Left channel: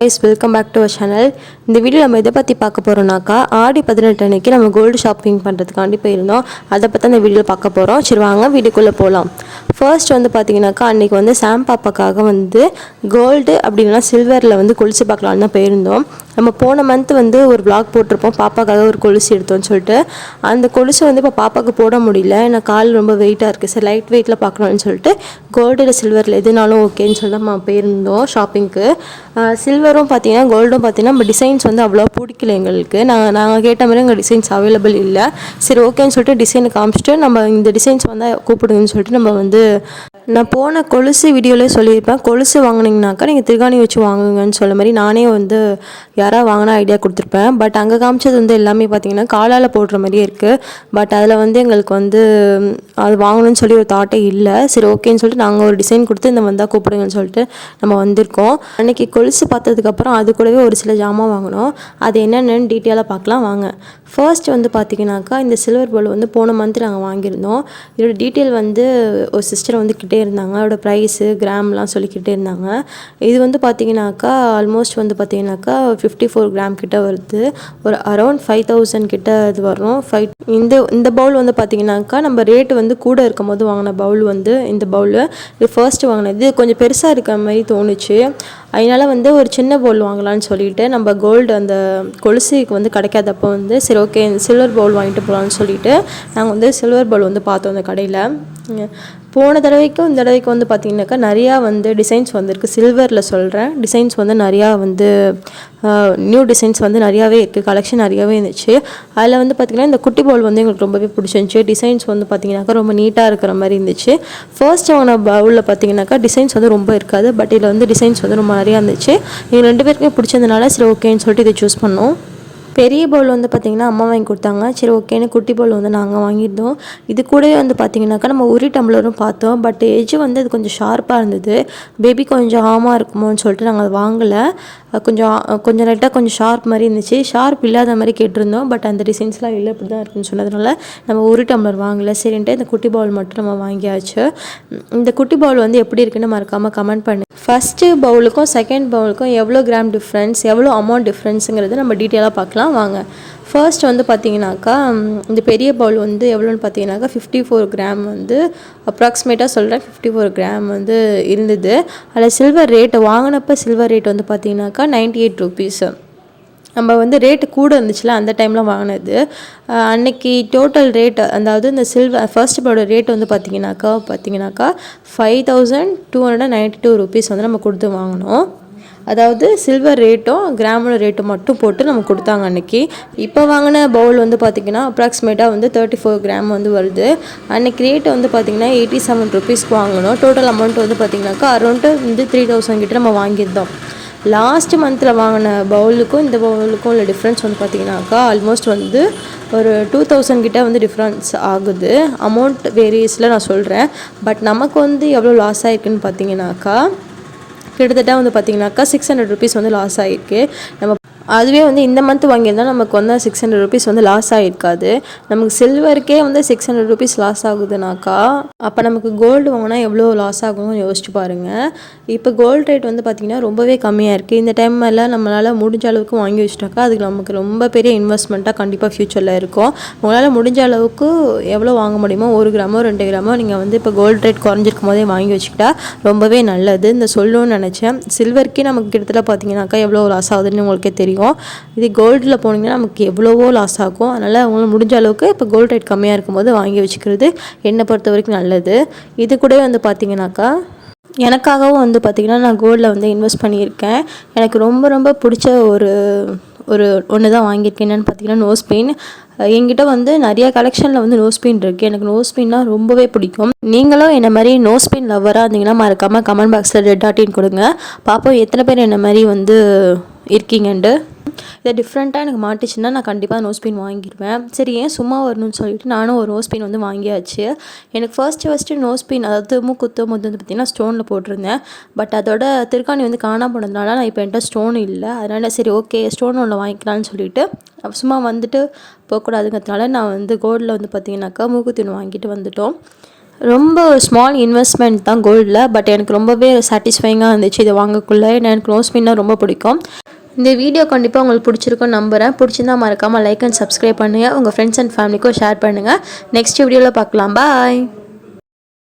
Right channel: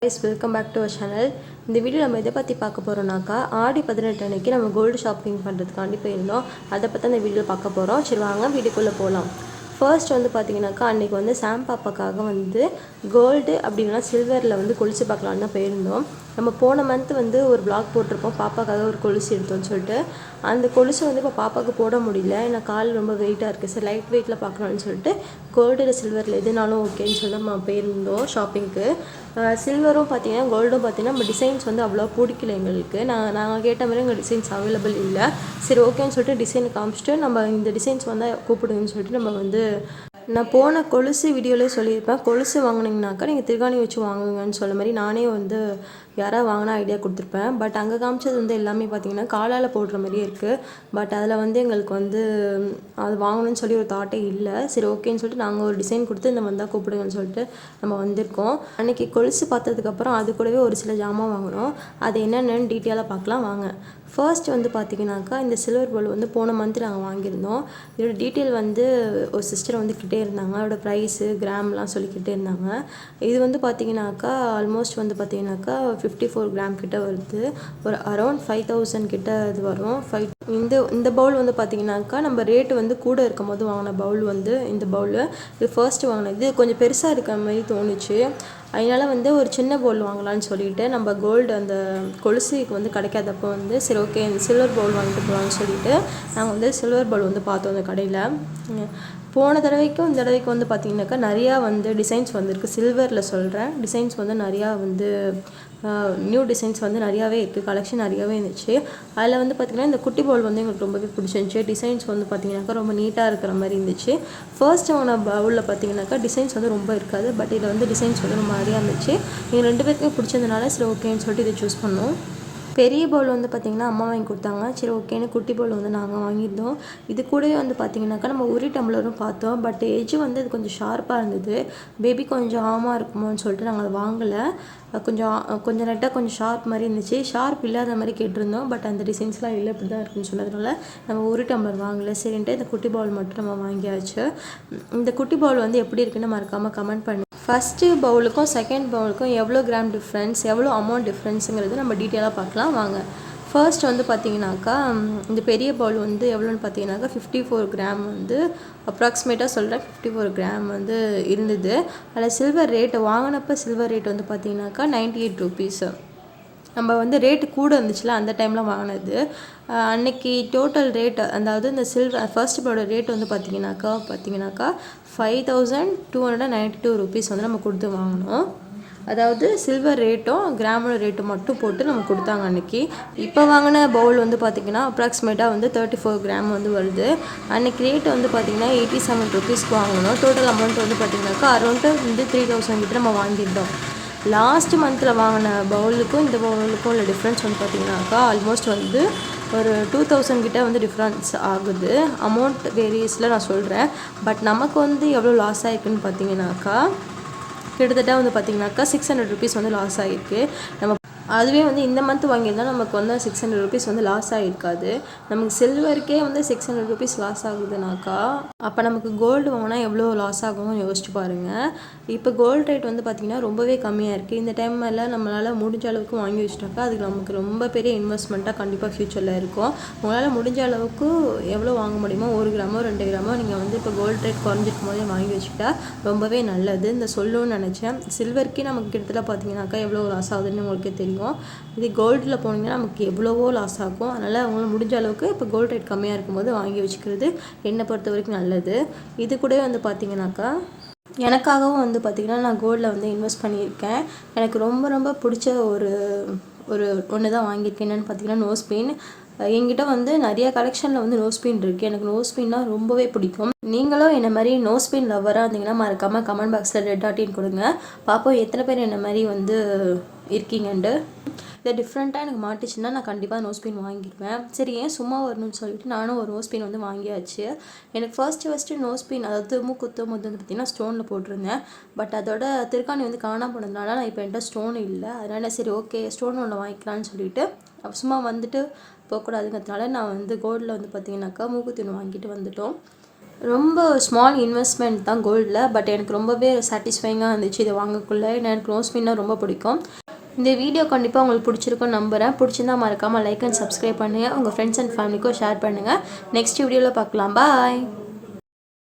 guys, welcome back to our channel. இந்த video நம்ம எதை பற்றி பார்க்க போகிறோம்னாக்கா ஆடி 18 அன்னைக்கு நம்ம கோல்டு ஷாப்பிங் பண்ணுறதுக்காண்டி போயிருந்தோம். அதை பற்றி அந்த வீடியோவில் பார்க்க போகிறோம். சரி வாங்க வீடியோக்குள்ளே போகலாம். ஃபர்ஸ்ட் வந்து பார்த்தீங்கன்னாக்கா அன்றைக்கி வந்து சாம் பாப்பாக்காக வந்து கோல்டு அப்படின்னா சில்வரில் வந்து கொலுசு பார்க்கலான்னு தான் போயிருந்தோம். நம்ம போன மந்த் வந்து ஒரு vlog போட்டிருப்போம், பாப்பாக்காக ஒரு கொலுசு எடுத்தோம்னு சொல்லிட்டு. அந்த கொலுசு வந்து இப்போ பாப்பாவுக்கு போட முடியல, ஏன்னா கால் ரொம்ப வெயிட்டாக இருக்குது. சரி லைட் வெயிட்டில் பார்க்கணும்னு சொல்லிட்டு கோல்டில் சில்வரில் எதுனாலும் ஓகேன்னு சொல்லிட்டு நம்ம போயிருந்தோம் ஷாப்பிங்க்கு. சில்வரும் பார்த்தீங்கன்னா கோல்டும் பார்த்தீங்கன்னா நம்ம டிசைன்ஸ் வந்து அவ்வளோ பிடிக்கல எங்களுக்கு. நாங்கள் கேட்ட மாதிரி எங்கள் டிசைன்ஸ் அவைலபிள் இல்லை. சரி ஓகேன்னு சொல்லிட்டு டிசைனை காமிச்சிட்டு நம்ம இந்த டிசைன்ஸ் வந்து கூப்பிடுங்கன்னு சொல்லிட்டு நம்ம வந்து நான் போன கொலுசு வீடியோவில் சொல்லியிருப்பேன், கொலுசு வாங்கினீங்கனாக்கா நீங்கள் திருகாணி வச்சு வாங்குங்கன்னு சொல்ல மாதிரி நானே வந்து யாராவது வாங்கினா ஐடியா கொடுத்துருப்பேன். பட் அங்கே காமிச்சது வந்து எல்லாமே பார்த்தீங்கன்னா காலால் போடுற மாதிரியே இருக்குது. பட் அதில் வந்து எங்களுக்கு வந்து அது வாங்கணும்னு சொல்லி ஒரு தாட்டே இல்லை. சரி ஓகேன்னு சொல்லிட்டு நாங்கள் ஒரு டிசைன் கொடுத்து இந்த வந்தால் கூப்பிடுங்கன்னு சொல்லிட்டு நம்ம வந்திருக்கோம். அன்றைக்கி கொலுசு பார்த்ததுக்கப்புறம் அது கூடவே ஒரு சில ஜாமான் வாங்கினோம். அது என்னென்னு டீட்டெயிலாக பார்க்கலாம் வாங்க. ஃபர்ஸ்ட் வந்து பார்த்திங்கனாக்கா இந்த சில்வர் பவுல் வந்து போன மந்த் நாங்கள் வாங்கியிருந்தோம். இதோட டீட்டெயில் வந்து ஒரு சிஸ்டர் வந்து கிட்டே இருந்தாங்க, அதோட ப்ரைஸு கிராம்லாம் சொல்லிக்கிட்டே இருந்தாங்க. இது வந்து பார்த்திங்கனாக்கா ஆல்மோஸ்ட் வந்து பார்த்திங்கனாக்கா 54 கிராம் கிட்ட வருது, ஒரு அரௌண்ட் 5000 கிட்ட இது வரும். இந்த பவுல் வந்து பார்த்திங்கனாக்கா நம்ம ரேட்டு வந்து கூட இருக்கும் போது வாங்கின பவுல் வந்து இந்த பவுல் இது ஃபர்ஸ்ட்டு வாங்கினது கொஞ்சம் பெருசாக இருக்கிற மாதிரி தோணுச்சு. அதனால் வந்து ஒரு சின்ன பவுல் வாங்கலான்னு சொல்லிட்டு நம்ம கோல்டு அந்த கொலுசுக்கு வந்து கிடைக்காதப்போ வந்து சரி ஓகே சில்வர் பவுல் வாங்கிட்டு போகலான்னு சொல்லிட்டு நாங்கள் வந்து சில்வர் பவுல் வந்து பார்த்தோம் அந்த கடையில். போன தடவைக்கும் இந்த தடவைக்கு வந்து பார்த்திங்கனாக்கா நிறையா வந்து டிசைன்ஸ் வந்துருக்கு. சில்வரில் சொல்கிறேன், டிசைன்ஸ் வந்து நிறையா வந்து நியூ டிசைன்ஸ் வந்து நிறையாவே இருக்குது, கலெக்ஷன் நிறையாவே இருந்துச்சு. அதில் வந்து பார்த்திங்கன்னா இந்த குட்டி பவுல் வந்து எங்களுக்கு ரொம்பவே பிடிச்சிருந்துச்சி. டிசைன்ஸ் வந்து பார்த்திங்கனாக்கா ரொம்ப நீட்டாக இருக்கிற மாதிரி இருந்துச்சு. ஃபர்ஸ்ட் வாங்கின பவுலில் பார்த்திங்கனாக்கா டிசைன்ஸ் வந்து ரொம்ப இருக்காது, பட் இதில் வந்து டிசைன்ஸ் வந்து ரொம்ப நிறையா இருந்துச்சு. எங்கள் 2 பேருக்குமே பிடிச்சதுனால சரி ஓகேன்னு சொல்லிட்டு இதை சூஸ் பண்ணோம். பெரிய பவுல் வந்து பார்த்திங்கன்னா அம்மா வாங்கி கொடுத்தாங்க. சரி ஓகேன்னு குட்டி பவுல் வந்து நாங்கள் வாங்கியிருந்தோம். இது கூடவே வந்து பார்த்திங்கனாக்கா நம்ம உரி டம்ளரும் பார்த்தோம், பட் எஜ்ஜு வந்து அது கொஞ்சம் ஷார்ப்பாக இருந்தது. பேபி கொஞ்சம் ஆமாம் இருக்குமோன்னு சொல்லிட்டு நாங்கள் அதை வாங்கலை. கொஞ்சம் லைட்டாக கொஞ்சம் ஷார்ப் மாதிரி இருந்துச்சு, ஷார்ப் இல்லாத மாதிரி கேட்டிருந்தோம். பட் அந்த டிசைன்ஸ்லாம் இல்லை, இப்படி தான் இருக்குன்னு சொன்னதுனால நம்ம ஒரு டம்ளர் வாங்கலை. சரின்ட்டு இந்த குட்டி பவுல் மட்டும் நம்ம வாங்கியாச்சு. இந்த குட்டி பவுல் வந்து எப்படி இருக்குன்னு மறக்காமல் கமெண்ட் பண்ணு. ஃபஸ்ட்டு பவுலுக்கும் செகண்ட் பவுலுக்கும் எவ்வளோ கிராம் டிஃப்ரென்ஸ், எவ்வளோ அமௌண்ட் டிஃப்ரென்ஸுங்கிறது நம்ம டீட்டெயிலாக பார்க்கலாம் வாங்க. ஃபர்ஸ்ட் வந்து பார்த்திங்கனாக்கா இந்த பெரிய பவுல் வந்து எவ்வளோன்னு பார்த்தீங்கன்னாக்கா 54 கிராம் வந்து அப்ராக்சிமேட்டாக சொல்கிறேன், 54 கிராம் வந்து இருந்தது. அதில் சில்வர் ரேட்டு வாங்கினப்போ சில்வர் ரேட் வந்து பார்த்திங்கனாக்கா 98 ருபீஸு. நம்ம வந்து ரேட்டு கூட இருந்துச்சுல அந்த டைமில் வாங்கினது. அன்னைக்கு டோட்டல் ரேட் அதாவது இந்த சில்வர் ஃபர்ஸ்ட் பவுலோட ரேட் வந்து பார்த்திங்கனாக்கா 5292 ருபீஸ் வந்து நம்ம கொடுத்து வாங்கினோம். அதாவது சில்வர் ரேட்டும் கிராமோட ரேட்டும் மட்டும் போட்டு நம்ம கொடுத்தாங்க அன்றைக்கி. இப்போ வாங்கின பவுல் வந்து பார்த்திங்கன்னா அப்ராக்சிமேட்டாக வந்து 34 கிராம் வந்து வருது. அன்றைக்கி ரேட்டு வந்து பார்த்திங்கன்னா 87 ருபீஸ்க்கு வாங்கினோம். டோட்டல் அமௌண்ட் வந்து பார்த்திங்கனாக்கா அரௌண்ட் வந்து 3000 கிட்ட நம்ம வாங்கியிருந்தோம். லாஸ்ட் மந்தில் வாங்கின பவுலுக்கும் இந்த பவுலுக்கும் உள்ள டிஃப்ரென்ஸ் வந்து பார்த்திங்கனாக்கா ஆல்மோஸ்ட் வந்து ஒரு 2000 கிட்ட வந்து டிஃப்ரென்ஸ் ஆகுது. அமௌண்ட் வேரியஸில் நான் சொல்கிறேன். பட் நமக்கு வந்து எவ்வளோ லாஸ் ஆகிருக்குன்னு பார்த்தீங்கன்னாக்கா கிட்டத்தட்ட வந்து பார்த்திங்கனாக்கா 600 ருபீஸ் வந்து லாஸ் ஆகிருக்கு. நம்ம அதுவே வந்து இந்த மந்த் வாங்கியிருந்தால் நமக்கு வந்து 600 ருபீஸ் வந்து லாஸ் ஆகிருக்காது. நமக்கு சில்வருக்கே வந்து 600 ருபீஸ் லாஸ் ஆகுதுனாக்கா அப்போ நமக்கு கோல்டு வாங்கினா எவ்வளோ லாஸ் ஆகும்னு யோசிச்சு பாருங்கள். இப்போ கோல்டு ரேட் வந்து பார்த்திங்கன்னா ரொம்பவே கம்மியாக இருக்குது. இந்த டைமில் நம்மளால் முடிஞ்ச அளவுக்கு வாங்கி வச்சுட்டாக்கா அதுக்கு நமக்கு ரொம்ப பெரிய இன்வெஸ்ட்மெண்ட்டாக கண்டிப்பாக ஃப்யூச்சரில் இருக்கும். உங்களால் முடிஞ்ச அளவுக்கு எவ்வளோ வாங்க முடியுமோ 1 கிராமோ 2 கிராமோ நீங்கள் வந்து இப்போ கோல்டு ரேட் குறைஞ்சிருக்கும் போதே வாங்கி வச்சுக்கிட்டா ரொம்பவே நல்லது. இந்த சொல்லணும்னு நினச்சேன். சில்வருக்கே நமக்கு கிட்டத்தட்ட பார்த்திங்கனாக்கா எவ்வளோ லாஸ் ஆகுதுன்னு உங்களுக்கே தெரியும். இது கோல்டில் போனீங்கன்னா நமக்கு எவ்வளவோ லாஸ் ஆகும். அதனால் அவங்களுக்கு முடிஞ்ச அளவுக்கு இப்போ கோல்டு ரேட் கம்மியாக இருக்கும்போது வாங்கி வச்சுக்கிறது என்னை பொறுத்த வரைக்கும் நல்லது. இது கூட வந்து பார்த்திங்கனாக்கா எனக்காகவும் வந்து பார்த்திங்கன்னா நான் கோல்டில் வந்து இன்வெஸ்ட் பண்ணியிருக்கேன். எனக்கு ரொம்ப ரொம்ப பிடிச்ச ஒன்று தான் வாங்கியிருக்கேன். என்னென்னு பார்த்திங்கன்னா நோஸ் பெயின். என்கிட்ட வந்து நிறைய கலெக்ஷனில் வந்து நோஸ் பெயின் இருக்குது. எனக்கு நோஸ் பெயின்னா ரொம்பவே பிடிக்கும். நீங்களும் என்ன மாதிரி நோஸ் பெயின் லவ்வராக இருந்தீங்கன்னா மறக்காமல் கமெண்ட் பாக்ஸில் ரெட் கொடுங்க. பார்ப்போம் எத்தனை பேர் என்ன மாதிரி வந்து இருக்கீங்கன்ட்டு. இதை டிஃப்ரெண்ட்டாக எனக்கு மாட்டுச்சுன்னா நான் கண்டிப்பாக நோஸ் பெயின் வாங்கிடுவேன். சரி ஏன் சும்மா வரணும்னு சொல்லிட்டு நானும் ஒரு நோஸ் பெயின் வந்து வாங்கியாச்சு. எனக்கு ஃபர்ஸ்ட்டு நோஸ் பெயின் அதாவது மூக்குத்தும் போது வந்து பார்த்திங்கன்னா ஸ்டோனில் போட்டிருந்தேன். பட் அதோட திருக்காணி வந்து காணாம போனதுனால நான் இப்போ என்கிட்ட ஸ்டோன் இல்லை. அதனால் சரி ஓகே ஸ்டோன் ஒன்று வாங்கிக்கலான்னு சொல்லிட்டு சும்மா வந்துட்டு போகக்கூடாதுங்கிறதுனால நான் வந்து கோல்டில் வந்து பார்த்திங்கனாக்கா மூக்குத்தி ஒன்று வாங்கிட்டு வந்துட்டோம். ரொம்ப ஸ்மால் இன்வெஸ்ட்மெண்ட் தான் கோல்டில், பட் எனக்கு ரொம்பவே சாட்டிஸ்ஃபைங்காக இருந்துச்சு இதை வாங்கக்குள்ளே. ஏன்னா எனக்கு ரோஸ் பின்னால் ரொம்ப பிடிக்கும். இந்த வீடியோ கண்டிப்பாக உங்களுக்கு பிடிச்சிருக்குன்னு நம்புகிறேன். பிடிச்சிருந்தா மறக்காமல் லைக் அண்ட் சப்ஸ்கிரைப் பண்ணுங்கள். உங்கள் ஃப்ரெண்ட்ஸ் அண்ட் ஃபேமிலிக்கும் ஷேர் பண்ணுங்கள். நெக்ஸ்ட் வீடியோவில் பார்க்கலாம். பாய்.